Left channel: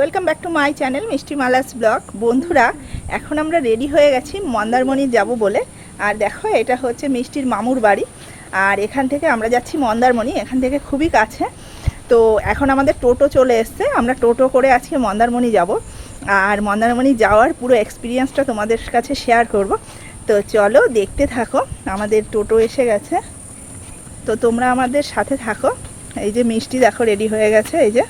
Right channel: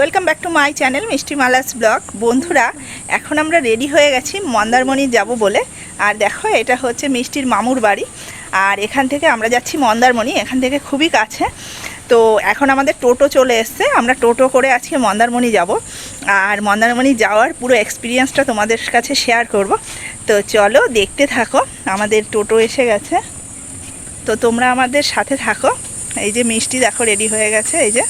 Welcome back to my channel Mishti Malas vlog বন্ধুরা, এখন আমরা রেডি হয়ে গেছি, মন্দারমণি যাব বলে। আর দেখো, এটা হচ্ছে মিষ্টির মামুর বাড়ি। আর এখান থেকে আমরা যাচ্ছি মন্দারমণি, এখান থেকে খুবই কাছে। তো এখন আমাদের টোটো চলে এসছে, আমরা টোটো করে আজকে মন্দারমণি যাব। আর মন্দারমণি যাওয়ার পুরো এক্সপিরিয়েন্সটা তোমাদের কাছে শেয়ার করব। তো চলো, দেখতে থাকো, আমাদের টোটো এসে গেছে। তো তোমরা আমাদের সাথে থাকো। এই যে মিষ্টি, দেখো রেডি হয়ে গেছে, এই যে।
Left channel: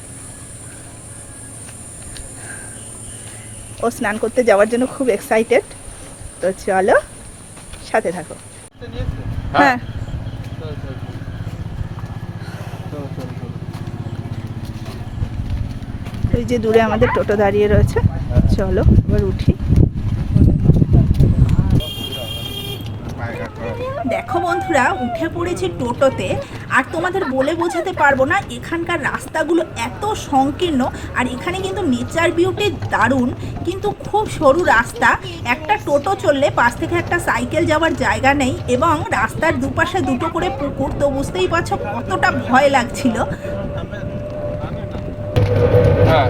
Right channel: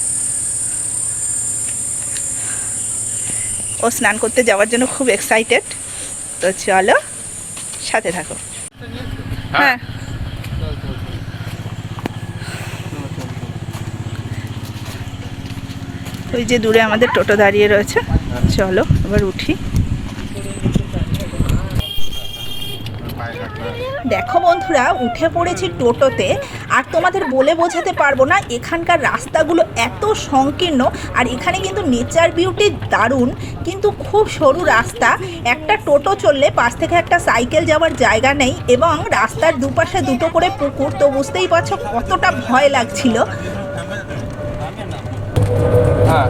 ও স্নান করতে যাওয়ার জন্য খুব এক্সাইটেড তো চলো, সাথে থাকো। হ্যাঁ। ওই যে দূরে আমাদের টোটো দাঁড়িয়ে রয়েছে। চলো, এবার উঠি। দেখো বন্ধুরা, উঠে পড়েছি টোটোতে। আর তোমাদের বলে বোঝাতে পারব না এখানকার রাস্তাগুলো এত সংকীর্ণ আর এখানে কিন্তু নেচার বিউটি দারুণ কিন্তু খুব সরু রাস্তা। একটা টোটো চললে পাশ থেকে একটা সাইকেল যাওয়ার জায়গা নেই এবং রাস্তার দুপাশে দুটো করে পুকুর তো বুঝতেই পারছ কতটা ভয় লাগছিল। হ্যাঁ।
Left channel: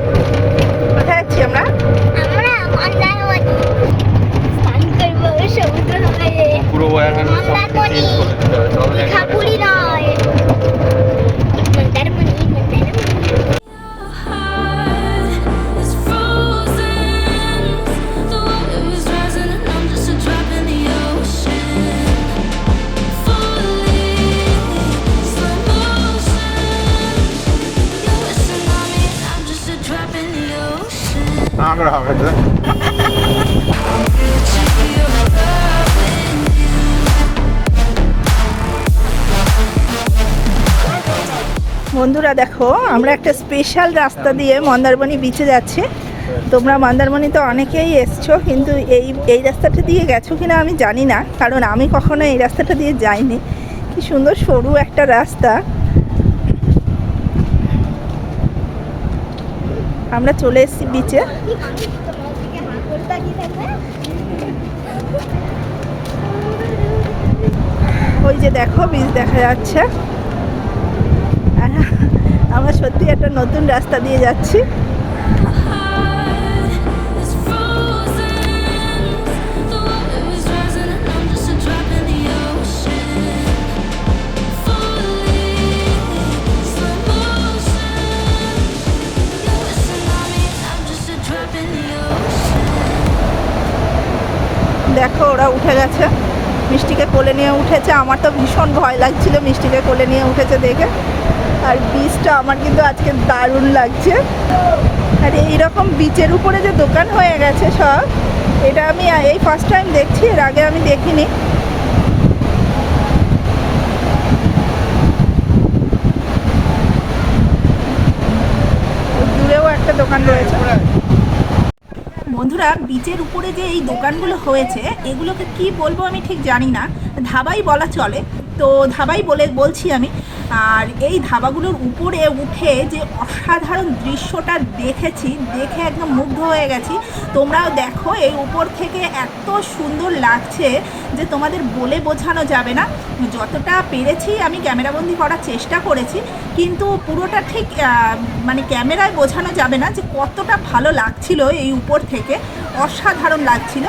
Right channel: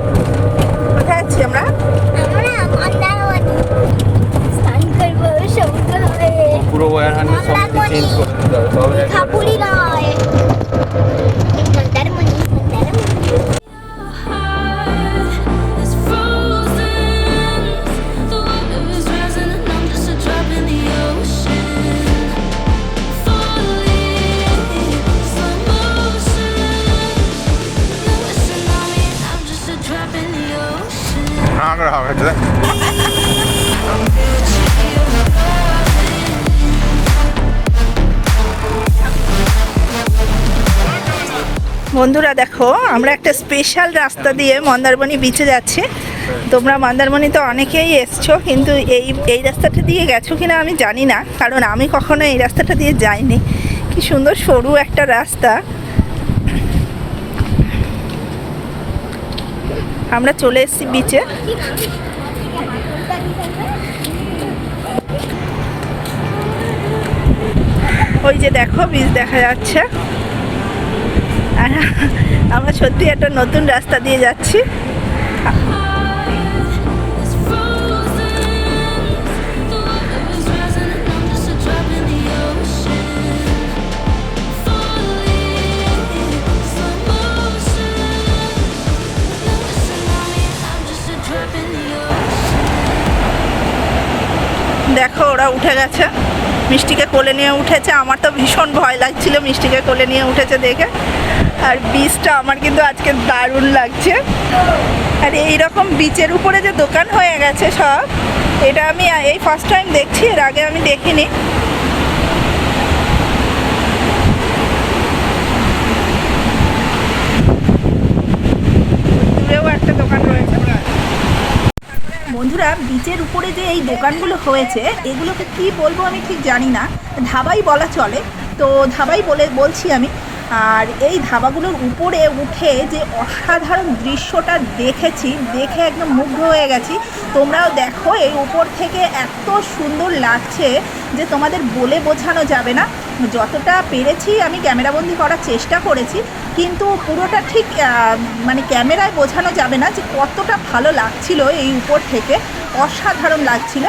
কোথায় আমরা? সব চেঞ্জ করে দিতে হবে বন্ধুরা দেখো, আমরা একটা স্পেশাল রাস্তা দিয়ে মন্দারমণি বিচে যাচ্ছি। তোমরা মন্দারমণি তো অনেকেই এসছো, কিন্তু এই এই রাস্তাটা দিয়ে গেছো কিনা আমি জানি না, কারণ আমি কখনো এই রাস্তাটা দিয়ে যাইনি। কি সুন্দর সরু একটা রাস্তা। আমরা চলে এসেছি বিচে ওই যে দেখো বীজ দেখা যাচ্ছে। হ্যাঁ, আমরা সত্যি একটা নতুন রাস্তা দিয়ে যাচ্ছি। দেখো, ওরা উঠে গেছে। মিষ্টিকে কোলে নিয়ে উঠেছে। আমার তো ভীষণ ভয় লাগছিল মিষ্টিকে কোলে নিয়ে উঠেছে দেখে। আর বীজটা আমার কিন্তু আজকে দারুণ লাগছে। আর এই রকম বিচের উপরে যে দোকান হয়ে গেছে সব, এটা আমি এই ফার্স্ট টাইম দেখছি, এর আগে আমি দেখিনি। দূরেও একটা দোকান রয়েছে। বন্ধুরা বিচের উপরে যে এই দোকানগুলো হয়েছে, এগুলোকে কি বলব আমি ঠিক জানি না। ধাবাই বলা চলে। তো ধাবাই বলে, বলছি আমি আর এই ধাবাগুলোর উপরে উঠে যে অসাধারণ দৃশ্যটা দেখেছি, দেখে একদম মুগ্ধ হয়ে গেছি। তোমরাও দেখো এই উপর থেকে এত সুন্দর লাগছে যে তোমাদের বলে বোঝানো যাবে না। যতটা পেরেছি আমি ক্যামেরাবন্দি করার চেষ্টা করেছি, কিন্তু পুরোটা ঠিক মানে ক্যামেরায় বোঝানো যাবে না যে কতটা ভালো লাগছিল এই উপর থেকে। অসাধারণ লাগছিল।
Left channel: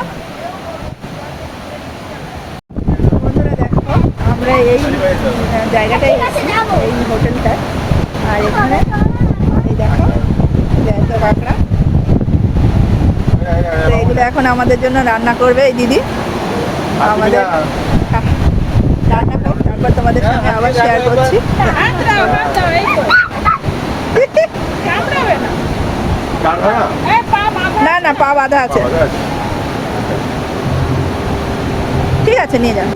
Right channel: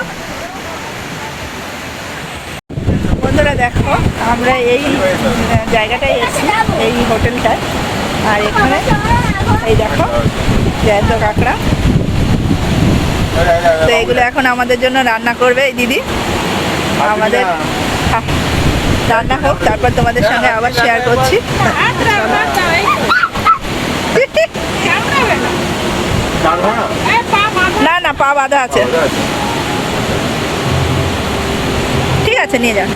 বন্ধুরা দেখো, আমরা এই জায়গাটায় এসেছি এই হোটেলটায় আর এখানে, এই দেখো, জ্যান্ত কাঁকড়া। তো এগুলো এখন আমাদের জন্য রান্না করবে এই দিদি। আমাদের রান্না হোক তারপর তোমাদের সঙ্গে আবার শেয়ার করছি। না না, পা বাঁধা আছে। ঠিক আছে, নিয়ে যান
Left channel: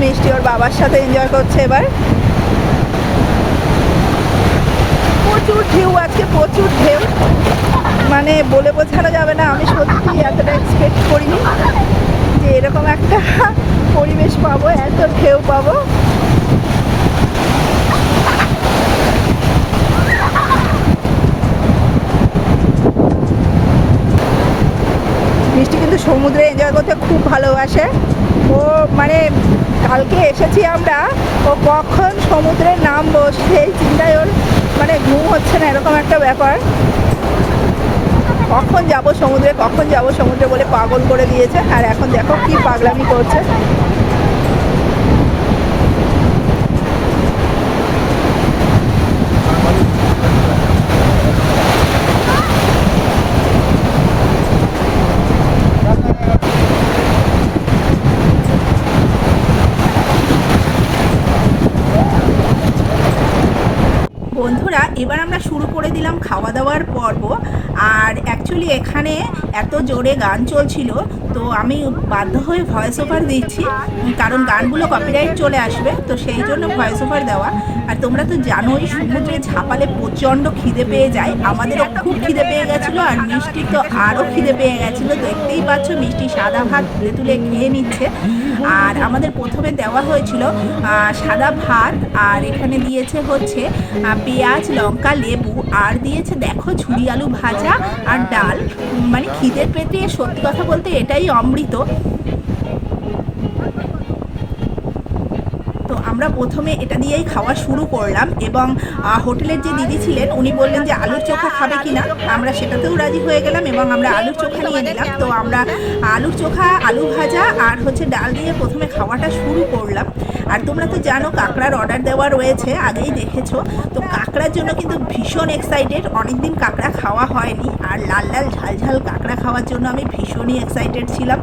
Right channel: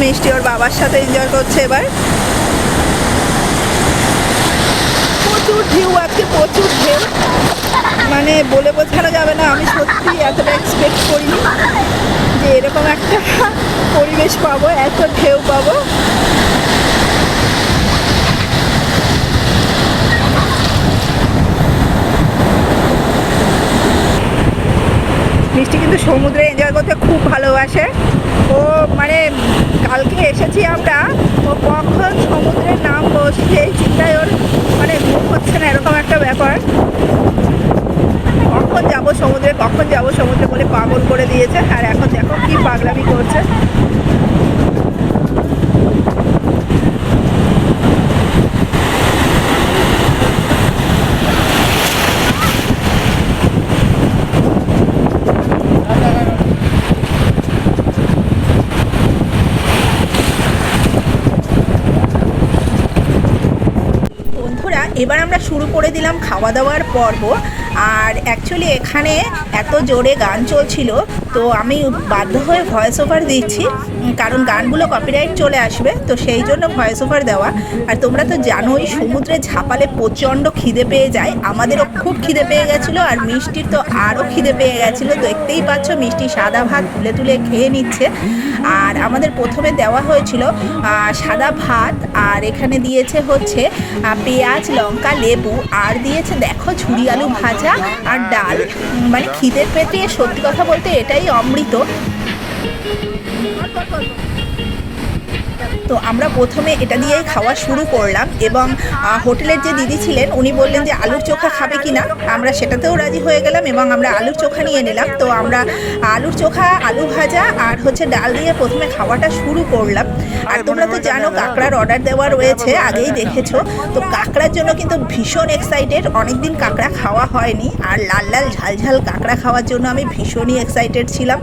মিষ্টি ওর বাবার সাথে এনজয় করছে এবার। প্রচুর ঢেউ আজকে, প্রচুর ঢেউ। মানে বলে বোঝানো যাবে না, আমি সত্যি এতটা এক্সপেক্ট করিনি যে এরকম একটা পরিবেশ পাবো, এত ঢেউ পাবো। মিষ্টি কিন্তু সমুদ্রে এনজয় করতে খুব ভালোবাসে। ও মানে কালকে এসেছি আমরা, ও কখন সমুদ্রে নামবো সেই চিন্তায় ওর মানে ঘুম হচ্ছে না, এরকম একটা ব্যাপার। কখন যাব সমুদ্রে, কখন যাব সমুদ্রে বলে পাগল করে দিয়েছে। আর এখন দেখো কি পাগলামি করছে বন্ধুরা এবার আমরা শুরু করে দিলাম খাওয়া দাওয়ার পর্ব। আর অ্যাকচুয়ালি এখানে এত জোরে গান চলছিল, তো আমি বাধ্য হয়ে ভয়েস ওভার দিচ্ছি কারণ গানগুলো কপিরাইট চলে আসবে, তো সেই জন্য ভয়েস ওভার দেওয়া। আর তোমরা তো জানোই সমুদ্রে ঝাপালে প্রচণ্ড খিদে পেয়ে যায়, আমাদেরও খুব খিদে পেয়ে গেছিল, আর মিষ্টির তো আরও খিদে পেয়ে গেছিল দেখতেই পাচ্ছ মিষ্টি সাদা ভাত তুলে তুলে খেয়ে নিচ্ছে। আর আমাদের প্রথমে দেওয়া হয়েছিল সাদা ভাত, আর এখানে দিয়েছে হচ্ছে পেঁয়াজ, লঙ্কা, লেবু, আর দিয়েছে দেখো ঝুড়ি আলু ভাজা। আর ডাল। মানে খিদের পেতে সত্যি কথা বলতে এটাই অমৃত। তো আমরা প্রথমে এটা দিয়েই খাওয়া শুরু করলাম এবং হোটেলের যে দিদি ছিলেন, উনি বললেন যে আলুর চোখা খাবে কি না আমরা সেটাতেও রাজি হয়ে গেলাম এবং আমরা আলুর চোখা নিয়ে নিলাম। তো আমরা আলুর চোখা, আলু ভাজা আর হচ্ছে ডাল দিয়ে প্রথমে খাওয়াটা শুরু করলাম। আর তোমরা তো জানো কাঁকড়ার অর্ডার দেওয়া রয়েছে, আগেই দেখেছ। তো কাঁকড়ার জন্য কিন্তু ভীষণ এক্সাইটেড অনেকদিন কাঁকড়া খাওয়া হয়নি। আর লাল লাল ঝাল ঝাল কাঁকড়া খাওয়ার জন্য আমি ভীষণই এক্সাইটেড ছিলাম।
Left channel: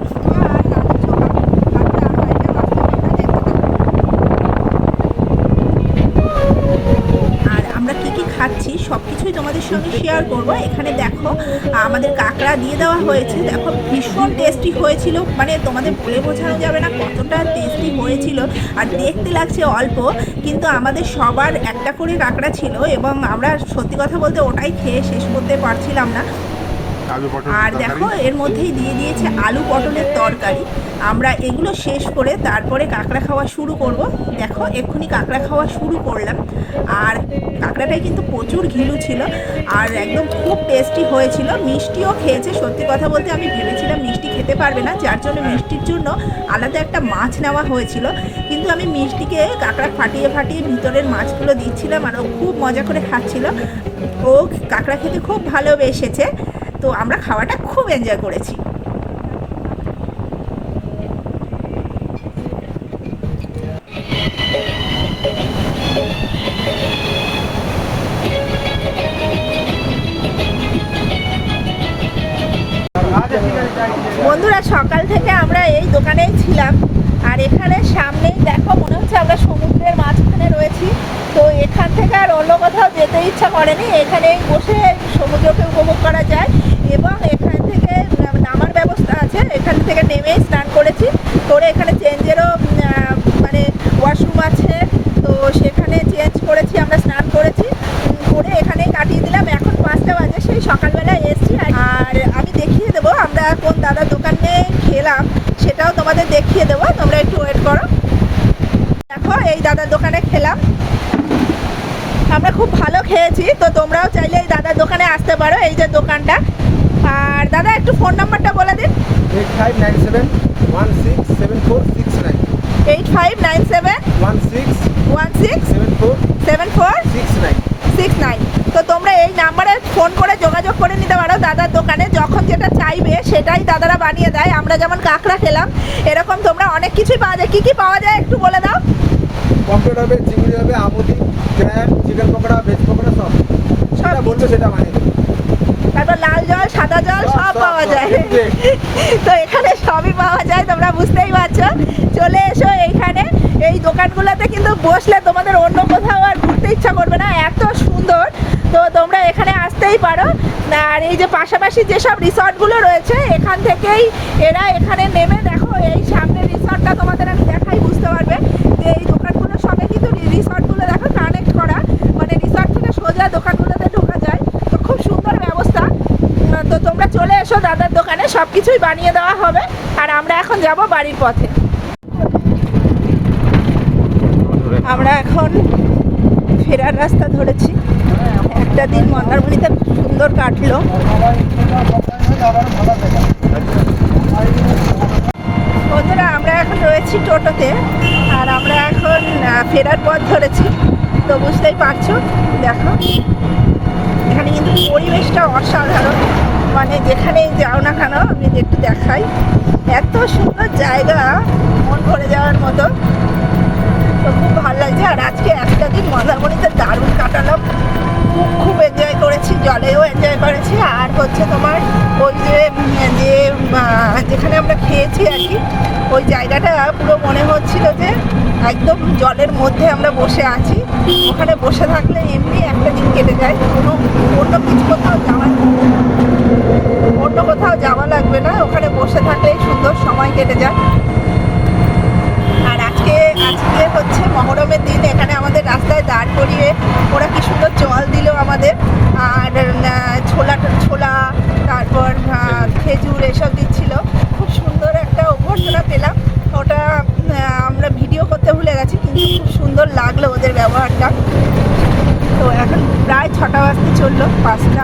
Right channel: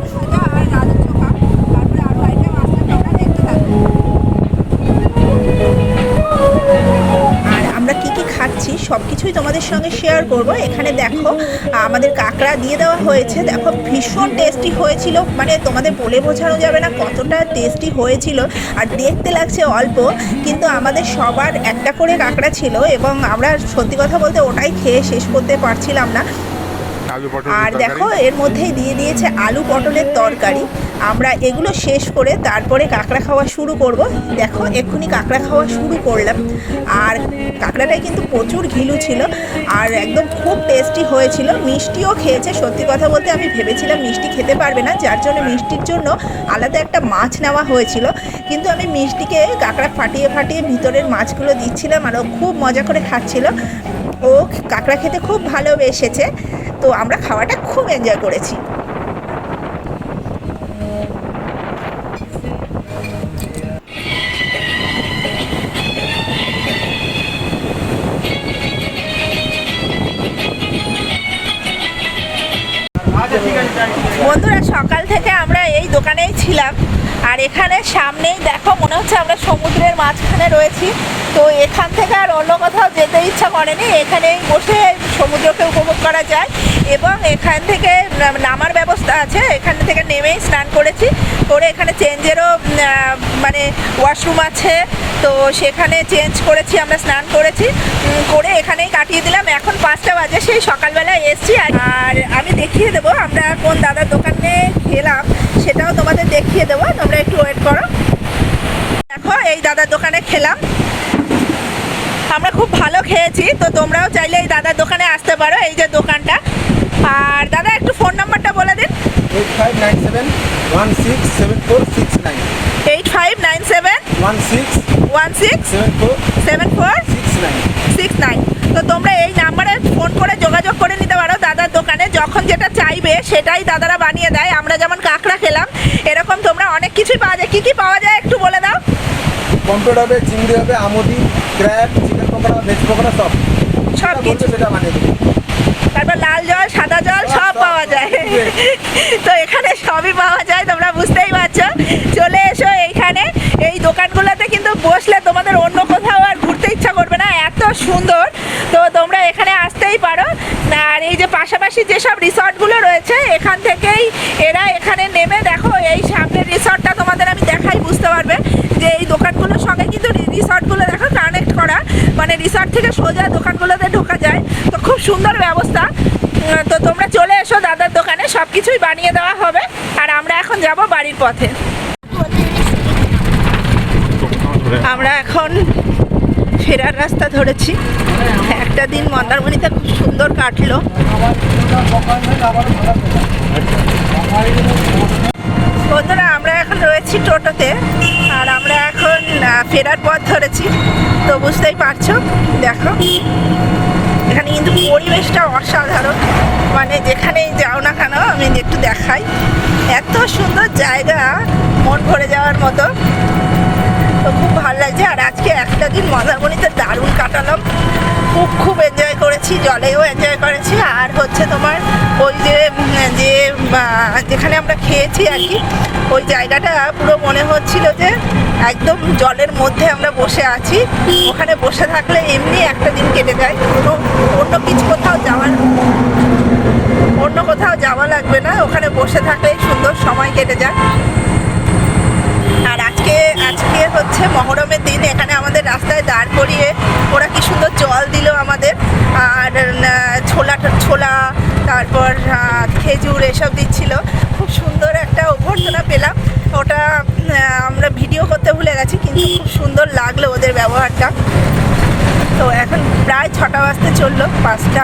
তোমাদের সঙ্গে শেয়ার করব। এখানে দেখো আমাদের কাঁকড়া দিয়ে দেওয়া হয়েছে। দেখো ভীষণ টেস্টি হয়েছিল। মানে তোমাদের বলে বোঝানো যাবে না কতটা টেস্টি হয়েছিল। আর দেখতে লাগছে অল্প কিন্তু আমাদের সবার একটা করে কাঁকড়া ছিল এবং আমরা সত্যি কথা বলতে ওটাই খেয়ে শেষ করতে পারছিলাম না। আর দেখো এর মধ্যেই দিয়ে দিয়েছে আলু পটলের তরকারি। আমরা এগুলো শেষ করে তারপরে কাঁকড়া খাওয়া শুরু করব। দেখো এক্ষুনি কাঁকড়া খাওয়া শুরু করলাম। আর কাঁকড়াটাই কিন্তু প্রচুর ঘিলু ছিল আর একদম খুব টেস্টি হয়েছিল। মিষ্টিও খেয়েছে, সত্যি কথা বলতে আমি ভেবেছিলাম মিষ্টি খেতে পারবে না, যার জন্য মিষ্টির জন্য আলাদা একটা মাছ নেওয়া হয়েছিল। কিন্তু আমি মিষ্টিকে কাঁকড়া ফাটিয়ে ফাটিয়ে ভিতরের মাছগুলো দিচ্ছিলাম আর ও খুব মজা করে খাচ্ছিল। ও কাঁকড়া খেতে খুব ভালোবেসেছে। তো আমরা খাওয়াটা খুব এনজয় করেছি। ছিলাম। আর এখানে সামনেই দেখো, মনে হচ্ছে আমরা সমুদ্রের মাঝখানে রয়েছি। তো এখান থেকে আর অন্য কোথাও যেতে ইচ্ছা করেনি। এখানেই বসে সমুদ্রকে উপভোগ করা যায় এবং এখান থেকে নামার ব্যবস্থা আছে। এখান থেকে নেমেই স্নান করেছি। করে এখানে চেঞ্জেরও মানে ওয়াশরুম আছে। তো সেখানে চেঞ্জ করেছি, আমরা স্নান করেছি। করে এখানেই কাটিয়ে দিলাম। এখন পাঁচটা বাজে, সেই সকালবেলা এসছি। আর- আমি দেখিয়ে দেবো, আমরা কোন দাদার দোকানে খেলাম, সেটাও তোমাদের দেখিয়ে দেবো। তোমরা একটু ওয়েট করো। দেখো এই দাদার দোকানে খেলাম। আমরা খুব ভালো খেয়েছি তো তোমরাও চাইলে এই দাদার দোকানে আসতে পারো এই যে দোকানটা। আর দাদা একটু ফোন নাম্বারটা বলে দিন। Eight five nine seven one six seven four six nine eight five nine seven one six one six seven four seven four six nine six nine তো তোমরা এই নাম্বারে ফোন করে যোগাযোগ করে নিতে পারো। দাদার দোকানে যখন যেটা চাইবে সেটাই দাদারা বানিয়ে দেয়। আমরা যেমন কাঁকড়া খেলাম এরকম তোমরা অনেক কিছুই পাওয়া যায়। কী কী পাওয়া যায় একটু বলে দাও? পম্পেট হবে চিংড়ি হবে আমুদি crab chicken pakora veg pakora সব। সব কিছু সেটা বানিয়ে দেবো। তারপর লাল জল সাদা জল সব সব, পাওয়া যায়। তো এখানে সবই পাওয়া যায় তোমরা বুঝতেই পারছ। চলে এসো এইখানে। এই দোকানগুলোতে কিন্তু বসলে তোমাদের অন্য কোথাও আর ঘুরতে ইচ্ছা করবে না, এত সুন্দর। তো তোমরা এখানে আসতেই পারো। আর এই যে পাশাপাশি যেসব রিসর্টগুলো রয়েছে, এখান থেকেই এরা এখানে নেমে দেখো, এই সামনের রিসর্টটা তোমাদের আমি দেখাই, বুঝতে পারবে? যে এই দোকানগুলোর সঙ্গে কিন্তু রিসর্টগুলো দেখো কানেক্ট করা। মানে রিসর্ট থেকে সোজা দোকানগুলোতে ঢোকা যায়। তো খুব সুন্দর ব্যবস্থা। তো তোমরা চলে এসো দাদার দোকানে সব কিছুই বানিয়ে দেওয়া হবে। আর আমরা এখন যাব বাড়ির পথে। আমরা এখন ফেরার রাস্তা ধরেছি। একটা দিন মন্দারমণিতে খুব সুন্দর কাটলো। বন্ধুরা, আমরা এখন রয়েছি টোটোতে, আর আমরা এখন ফেরার পথ ধরেছি। তো বুঝতেই পারছ, দেখো। এখানে কিন্তু পরিবেশটা অসাধারণ। মানে যেখানেই যাও না কেন, আমি একটু দেখাই। এত সুন্দর জায়গা, মন ভরে যাওয়ার মতো। খুব আর আজকে একটা দিন মন্দারমণিতে দারুণ কাটালাম। খুব খুব এনজয় করেছি, জলেও এনজয় করেছি। আর হচ্ছে তোমার ওই যে যে যেখানে আমরা খেয়েছি আর কি, ওই জায়গাটা পুরো মনে হচ্ছিল যে একদম জলের মধ্যে আমরা বসে আছি। ওখানে বসে থাকলে এমনি একটা দিন কেটে যায়। কোনো, অন্য কিছু কোথাও যাওয়ার, অন্য কোথাও যাওয়া লাগবে না। ওখানে বসে থাকলেই সুন্দর সময় কেটে যায়। আজকে আজকে হচ্ছে মহরমের দিন, এখানে আমাদের রাস্তায় দাঁড় করিয়ে ওরা কি সুন্দর জল দিল আমাদের। আর ছোলা ছোলা, তারপর খেজুর এসব দিচ্ছিল। খুব সুন্দর একটা অভ্যর্থনা পেলাম। ওটা আমরা ভিডিও করতে ভুলে গেছি, কিন্তু খুব সুন্দর লাগল ওদের ব্যবহারটা। তো এখন প্রায় ছটা বাজতে চলল, পাঁচটা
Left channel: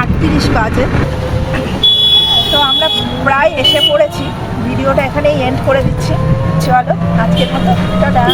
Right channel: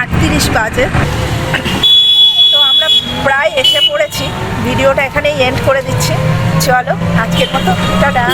আটত্রিশ বাজে। প্রায় এসে পড়েছি। ভিডিওটা এখানেই এন্ড করে দিচ্ছি। চলো আজকের মতো টাটা।